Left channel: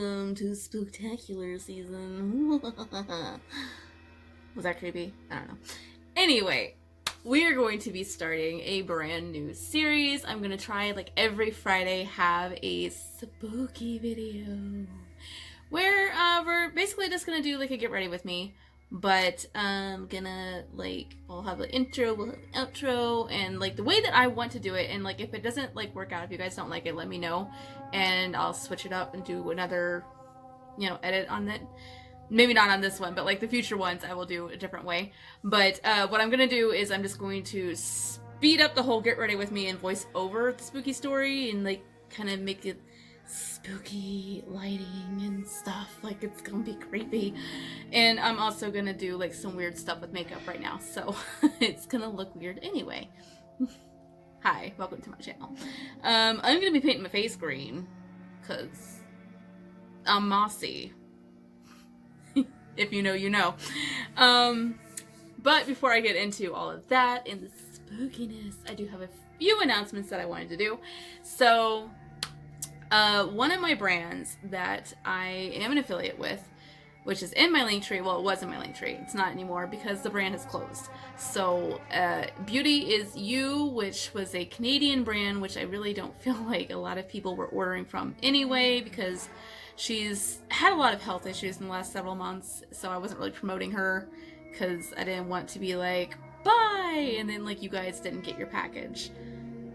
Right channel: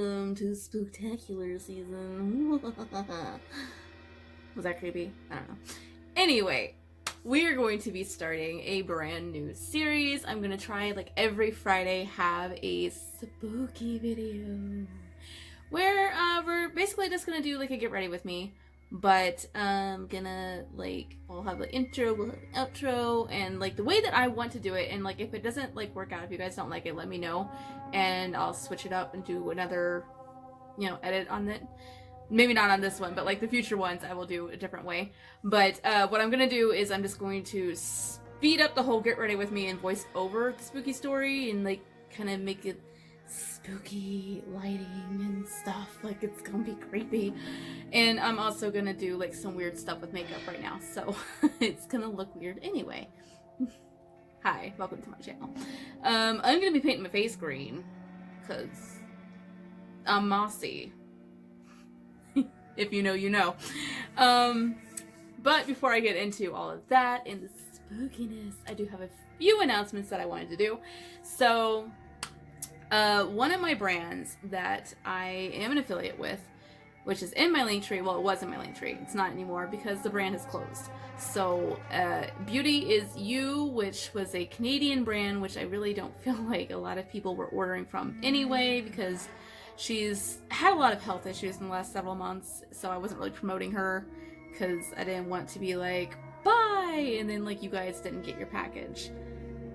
Welcome to Spooktacular season. Was that creepy? I don't know. Anyway, we are going to be starting a brand new series. I'm going to try, like, every Friday have a spooky video where we're basically just going to do, like, a get ready with me. But I'm gonna, like, we'll have the intro, we'll have the outro, and, like, the way that I want to do it, and, like, if it doesn't, like, work out, if you guys don't like it, let me know, and I'll switch it up and do another, you know, edit on it. Maybe not on this one, but, like, the future ones I will do a different way. But what I'm gonna do is I'm just going to speed up the whole get ready with me and voice over the spooky story and, like, kind of make it spooky lighting and stuff. Like, it's gonna be creepy. And I'm also gonna do, like, some weird stuff with makeup right now, so it's gonna look weird anyway. Hi, welcome to my channel. I'm gonna be painting my face green because I'm mossy. If you know, you know. But before I get into all of that and the spookiness, I do have a few announcements that I wanted to do. So one of my brands that I am an affiliate with, which is in my link tree, well, it was in my link tree, it's not anymore because the brand has closed. So Beauty is You, which was a Canadian brand, which I really don't feel like a lot of people were ordering from anyway, because she's had a lot of health issues in the last several months, so I wasn't really promoting her because I didn't want to be like, bye, and then, like, you guys didn't get your package.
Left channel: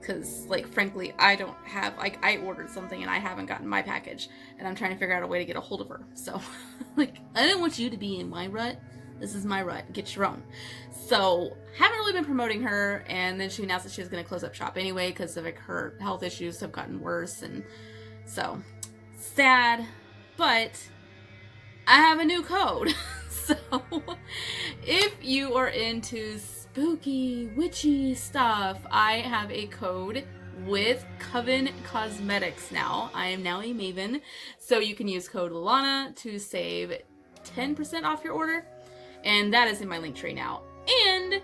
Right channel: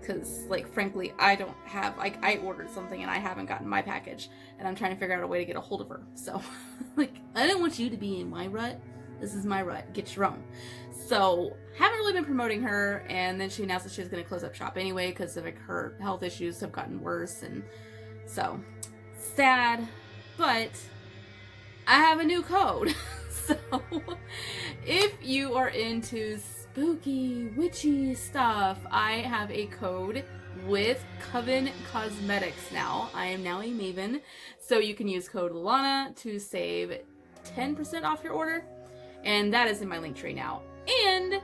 Because, like, frankly, I don't have, like, I ordered something and I haven't gotten my package, and I'm trying to figure out a way to get a hold of her. So, like, I don't want you to be in my rut. This is my rut. Get your own. So, haven't really been promoting her, and then she announced that she was going to close up shop anyway because of, like, her health issues have gotten worse, and so, sad, but I have a new code. So, if you are into spooky, witchy stuff, I have a code with Coven Cosmetics now. I am now a Maven, so you can use code Lana to save 10% off your order, and that is in my link tree now. And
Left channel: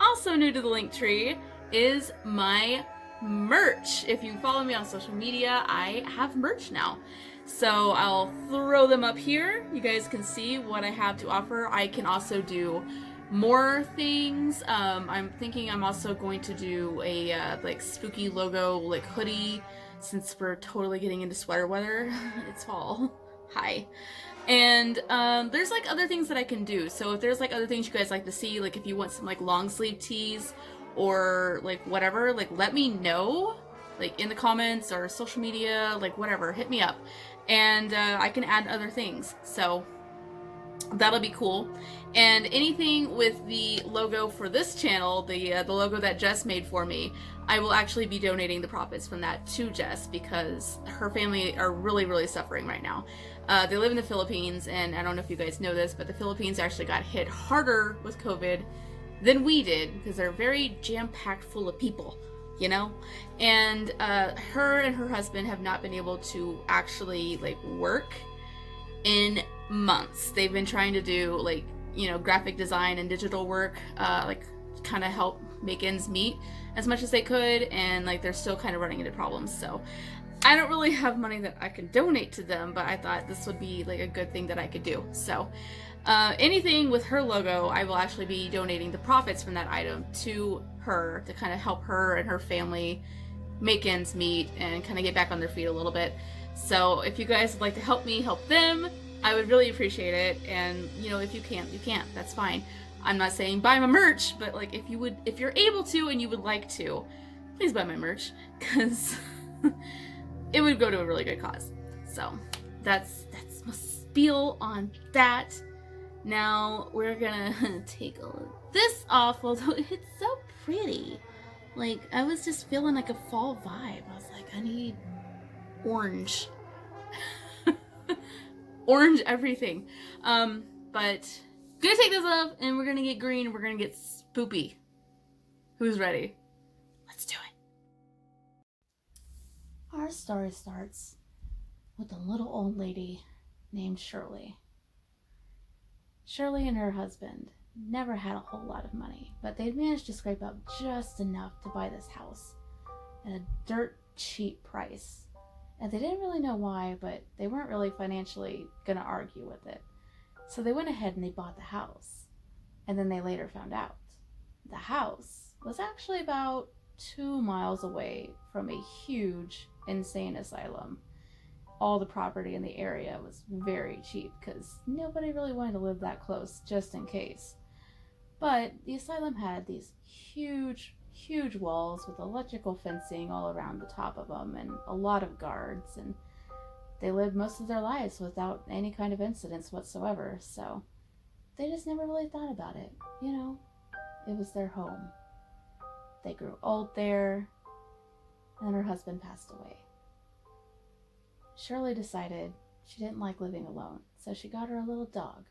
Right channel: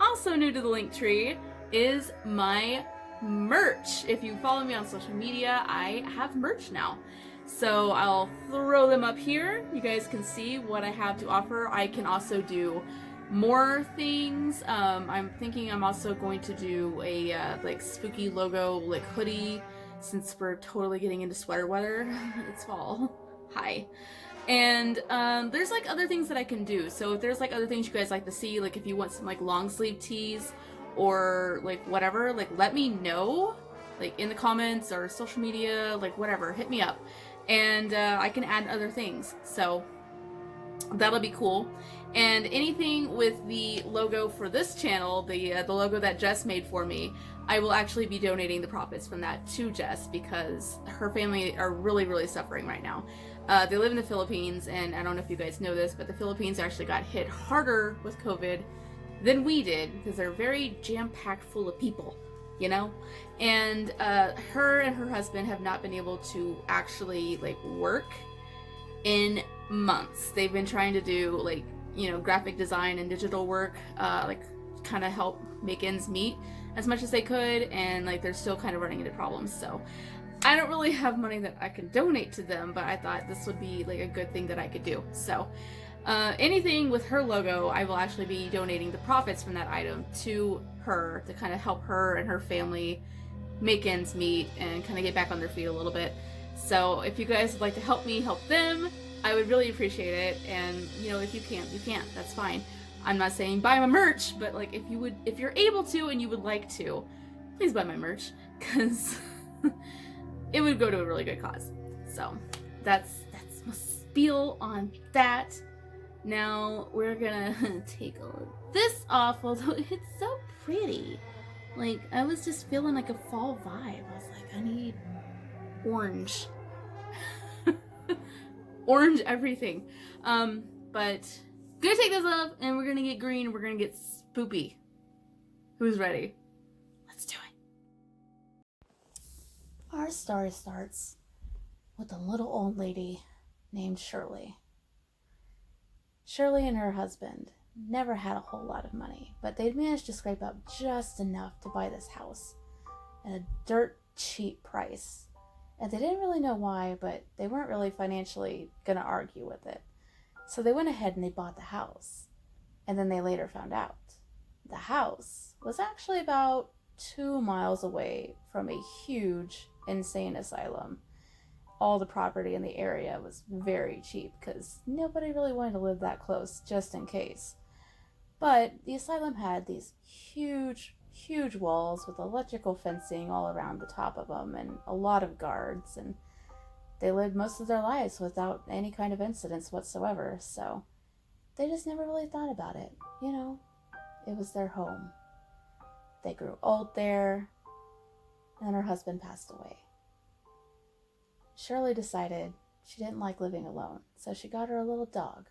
also new to the link tree is my merch. If you follow me on social media, I have merch now. So I'll throw them up here. You guys can see what I have to offer. I can also do more things. I'm thinking I'm also going to do a like spooky logo, like, hoodie, since we're totally getting into sweater weather. It's fall. Hi. And there's, like, other things that I can do. So if there's, like, other things you guys like to see, like if you want some, like, long sleeve tees or, like, whatever, like, let me know, like, in the comments or social media, like, whatever, hit me up. And I can add other things, so that'll be cool. And anything with the logo for this channel, the logo that Jess made for me, I will actually be donating the profits from that to Jess because her family are really, really suffering right now. They live in the Philippines, and I don't know if you guys know this, but the Philippines actually got hit harder with COVID than we did because they're very jam-packed full of people. You know, and her and her husband have not been able to actually, like, work in months. They've been trying to do, like, you know, graphic design and digital work, like, kind of help make ends meet as much as they could, and, like, they're still kind of running into problems. So I don't really have money that I can donate to them, but I thought this would be, like, a good thing that I could do. So anything with her logo, I will actually be donating the profits from that item to her to kind of help her and her family make ends meet and kind of get back on their feet a little bit. So if you guys would like to help me help them, I would really appreciate it. And, you know, if you can't, you can't. That's fine. I'm not saying buy my merch, but, like, if you're able to and you would like to, please buy my merch, because it would go to a really good cause. So that's my spiel on that. Now we're gonna take all of this off, although it's so pretty. Like, I was just feeling like a fall vibe. I was like, I need orange. Orange everything. But gonna take this off and we're gonna get green. We're gonna get spoopy. Who's ready? Let's do it. Our story starts with a little old lady named Shirley. Shirley and her husband never had a whole lot of money, but they'd managed to scrape up just enough to buy this house at a dirt cheap price. And they didn't really know why, but they weren't really financially going to argue with it. So they went ahead and they bought the house. And then they later found out the house was actually about 2 miles away from a huge insane asylum. All the property in the area was very cheap because nobody really wanted to live that close just in case. But the asylum had these huge walls with electrical fencing all around the top of them and a lot of guards, and they lived most of their lives without any kind of incidents whatsoever, so they just never really thought about it. It was their home. They grew old there, and her husband passed away. Shirley decided she didn't like living alone, so she got her a little dog.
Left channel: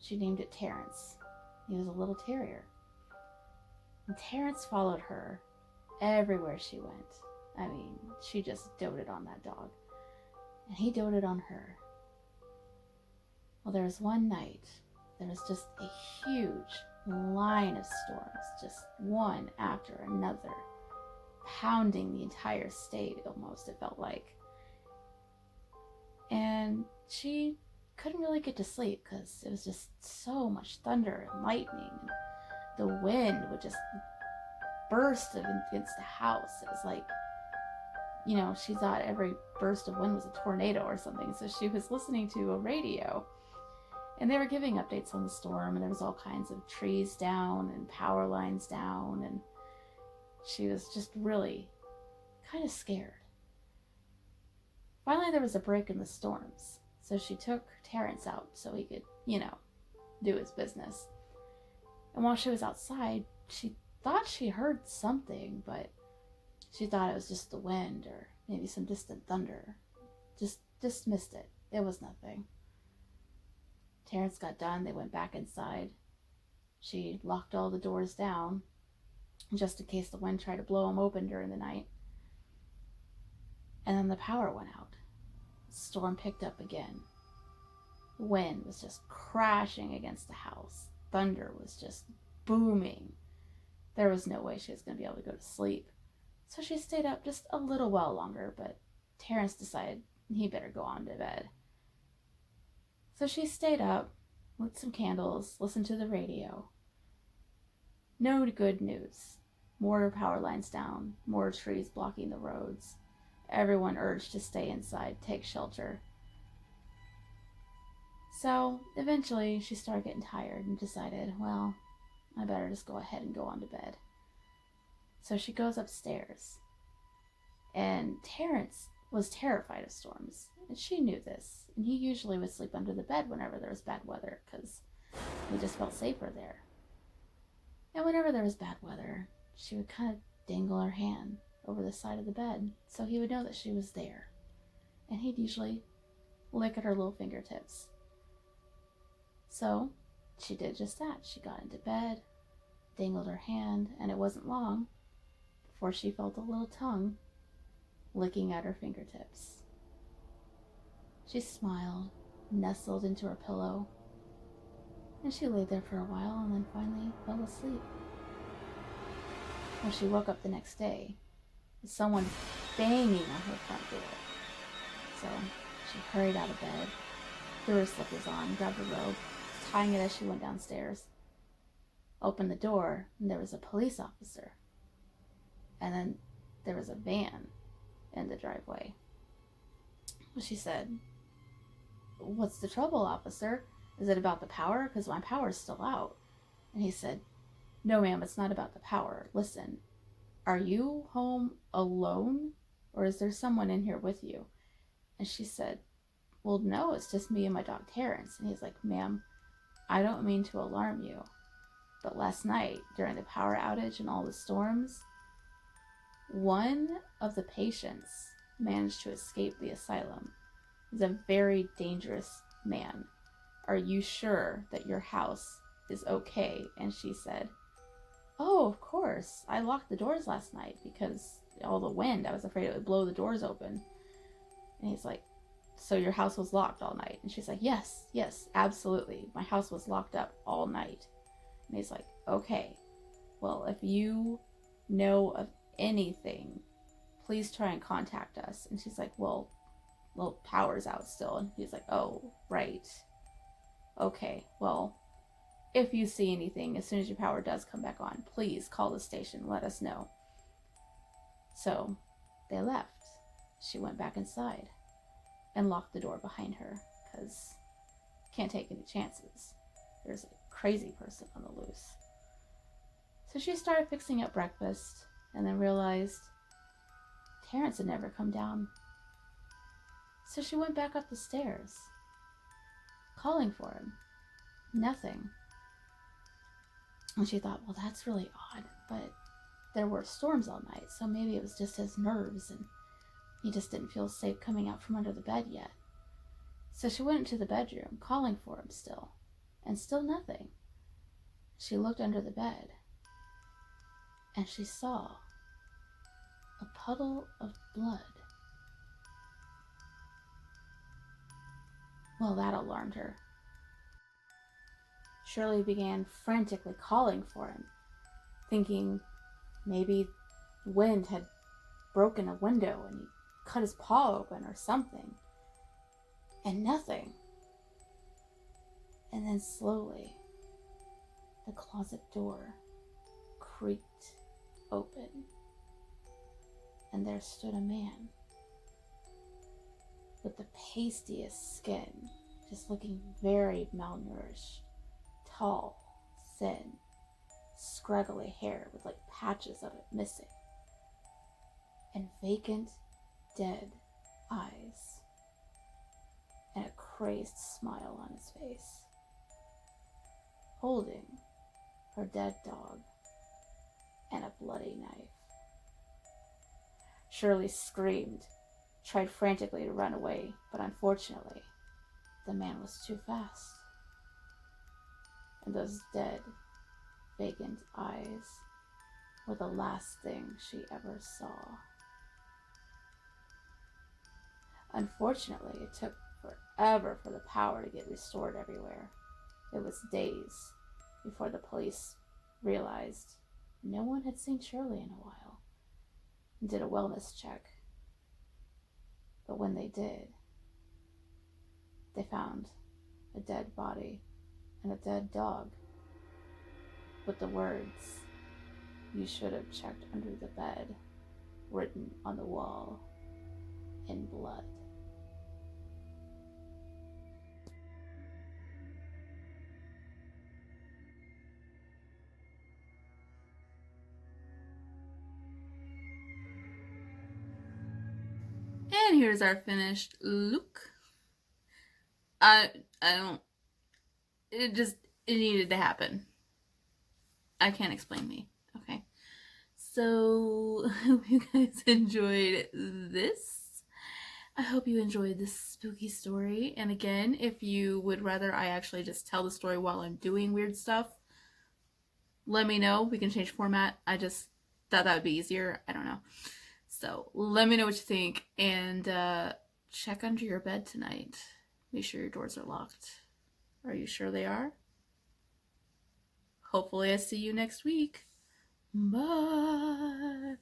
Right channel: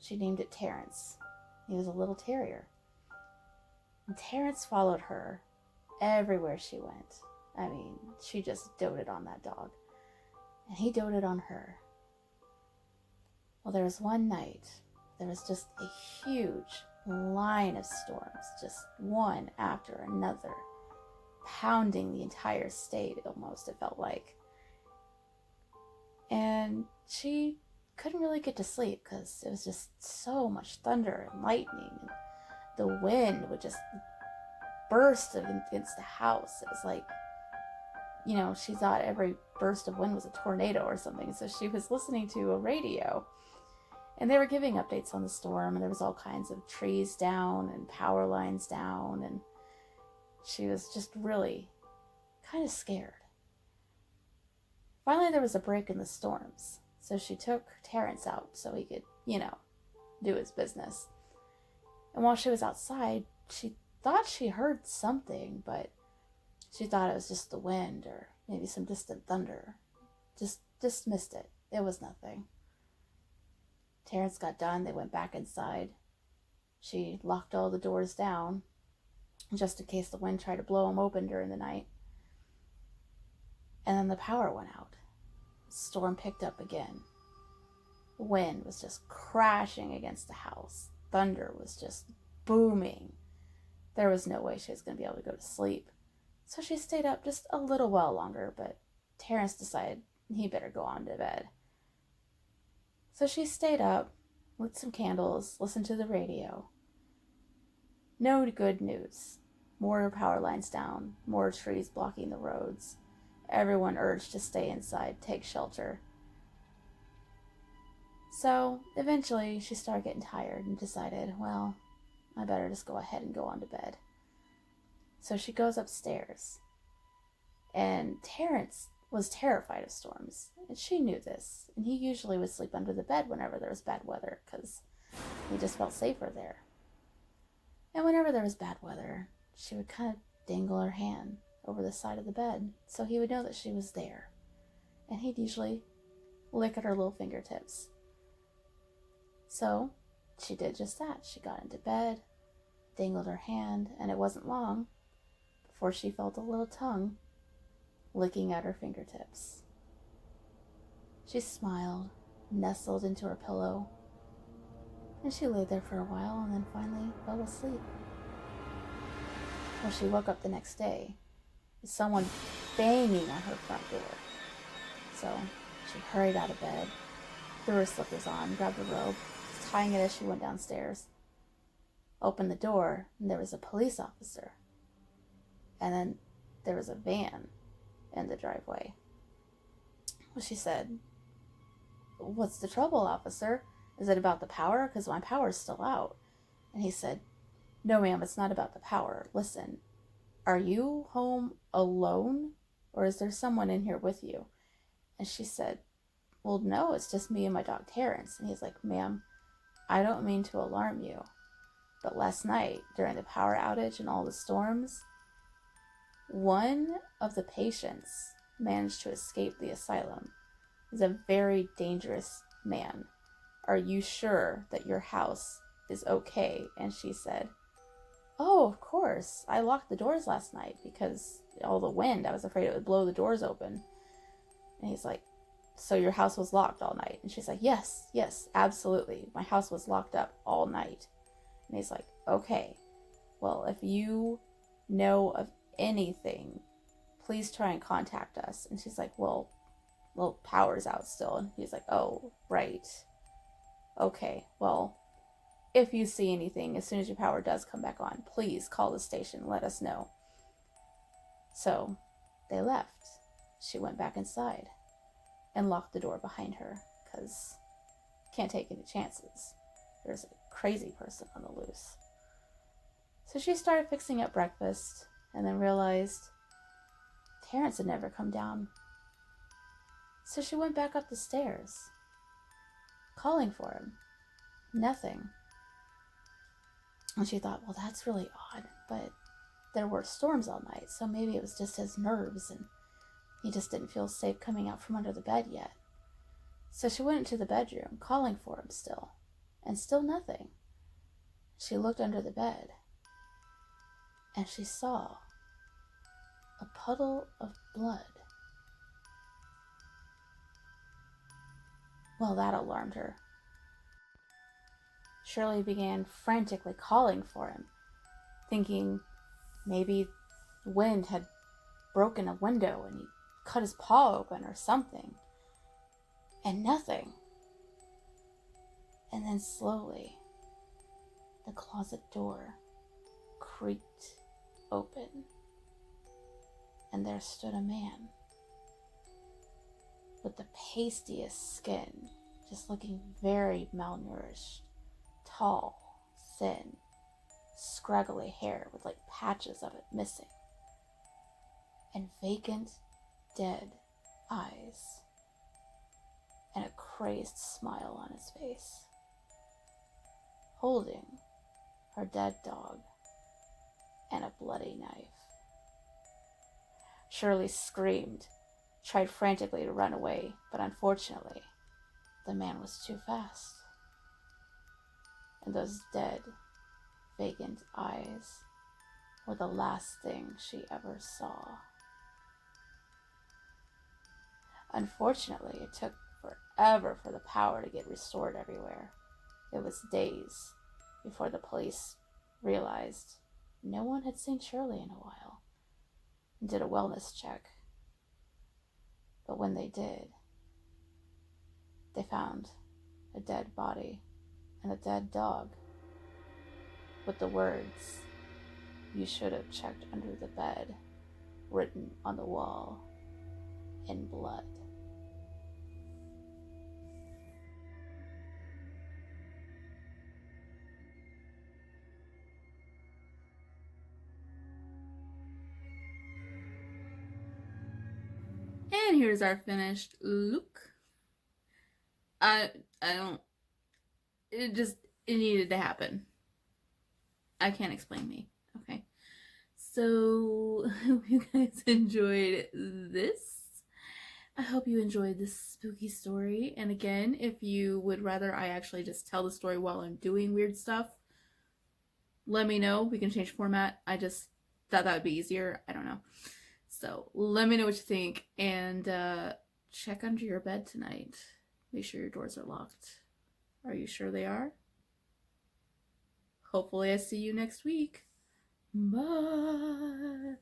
She named it Terrence. He was a little terrier. And Terrence followed her everywhere she went. I mean, she just doted on that dog. And he doted on her. Well, there was one night, there was just a huge line of storms, just one after another, pounding the entire state almost, it felt like. And she couldn't really get to sleep because it was just so much thunder and lightning, and the wind would just burst against the house. It was like, she thought every burst of wind was a tornado or something, so she was listening to a radio, and they were giving updates on the storm, and there was all kinds of trees down and power lines down, and she was just really kind of scared. Finally, there was a break in the storms, so she took Terrence out so he could, do his business. And while she was outside, she thought she heard something, but she thought it was just the wind or maybe some distant thunder. Just dismissed it. It was nothing. Terrence got done. They went back inside. She locked all the doors down just in case the wind tried to blow them open during the night. And then the power went out. The storm picked up again. The wind was just crashing against the house. Thunder was just booming. There was no way she was going to be able to go to sleep. So she stayed up just a little while longer, but Terrence decided he better go on to bed. So she stayed up, lit some candles, listened to the radio. No good news. More power lines down, more trees blocking the roads. Everyone urged to stay inside, take shelter. So eventually she started getting tired and decided, well, I better just go ahead and go on to bed. So she goes upstairs. And Terrence was terrified of storms, and she knew this. And he usually would sleep under the bed whenever there was bad weather because he just felt safer there. And whenever there was bad weather, she would kind of dangle her hand over the side of the bed so he would know that she was there. And he'd usually lick at her little fingertips. So she did just that. She got into bed, dangled her hand, and it wasn't long before she felt a little tongue licking at her fingertips. She smiled, nestled into her pillow, and she lay there for a while and then finally fell asleep. When she woke up the next day, with someone banging on her front door. So she hurried out of bed, threw her slippers on, grabbed her robe, tying it as she went downstairs, opened the door, and there was a police officer. And then there was a van in the driveway. Well, she said, "What's the trouble, officer? Is it about the power? Because my power's still out." And he said, "No, ma'am, it's not about the power. Listen, are you home alone, or is there someone in here with you?" And she said, "Well, no, it's just me and my dog Terrence." And he's like, "Ma'am, I don't mean to alarm you, but last night, during the power outage and all the storms, one of the patients managed to escape the asylum. He's a very dangerous man. Are you sure that your house is okay?" And she said, "Oh, of course. I locked the doors last night because all the wind. I was afraid it would blow the doors open." And he's like, "So your house was locked all night?" And she's like, yes, absolutely. My house was locked up all night." And he's like, "Okay, well, if you know of anything, please try and contact us. And she's like, well, power's out still. And he's like, oh, right. Okay, well, if you see anything, as soon as your power does come back on, please call the station, let us know. So they left. She went back inside and locked the door behind her, because can't take any chances. There's a crazy person on the loose. So she started fixing up breakfast, and then realized Terrence had never come down. So she went back up the stairs, calling for him. Nothing. And she thought, well, that's really odd, but there were storms all night, so maybe it was just his nerves, and he just didn't feel safe coming out from under the bed yet. So she went into the bedroom, calling for him still, and still nothing. She looked under the bed, and she saw a puddle of blood. Well, that alarmed her. Shirley began frantically calling for him, thinking maybe wind had broken a window and he cut his paw open or something. And nothing. And then slowly, the closet door creaked open, and there stood a man with the pastiest skin, just looking very malnourished, tall, thin, scraggly hair with like patches of it missing, and vacant, dead eyes, and a crazed smile on his face, holding her dead dog and a bloody knife. Shirley screamed, tried frantically to run away, but unfortunately, the man was too fast. And those dead, vacant eyes were the last thing she ever saw. Unfortunately, it took forever for the power to get restored everywhere. It was days before the police realized no one had seen Shirley in a while and did a wellness check. But when they did, they found a dead body and a dead dog with the words, "You should have checked under the bed," written on the wall in blood. And here's our finished look. I don't, it needed to happen. I can't explain me. Okay. So, I hope you guys enjoyed this. I hope you enjoyed this spooky story. And again, if you would rather I actually just tell the story while I'm doing weird stuff, let me know. We can change format. I just thought that would be easier. I don't know. So let me know what you think, and check under your bed tonight. Make sure your doors are locked. Are you sure they are? Hopefully I see you next week. Bye.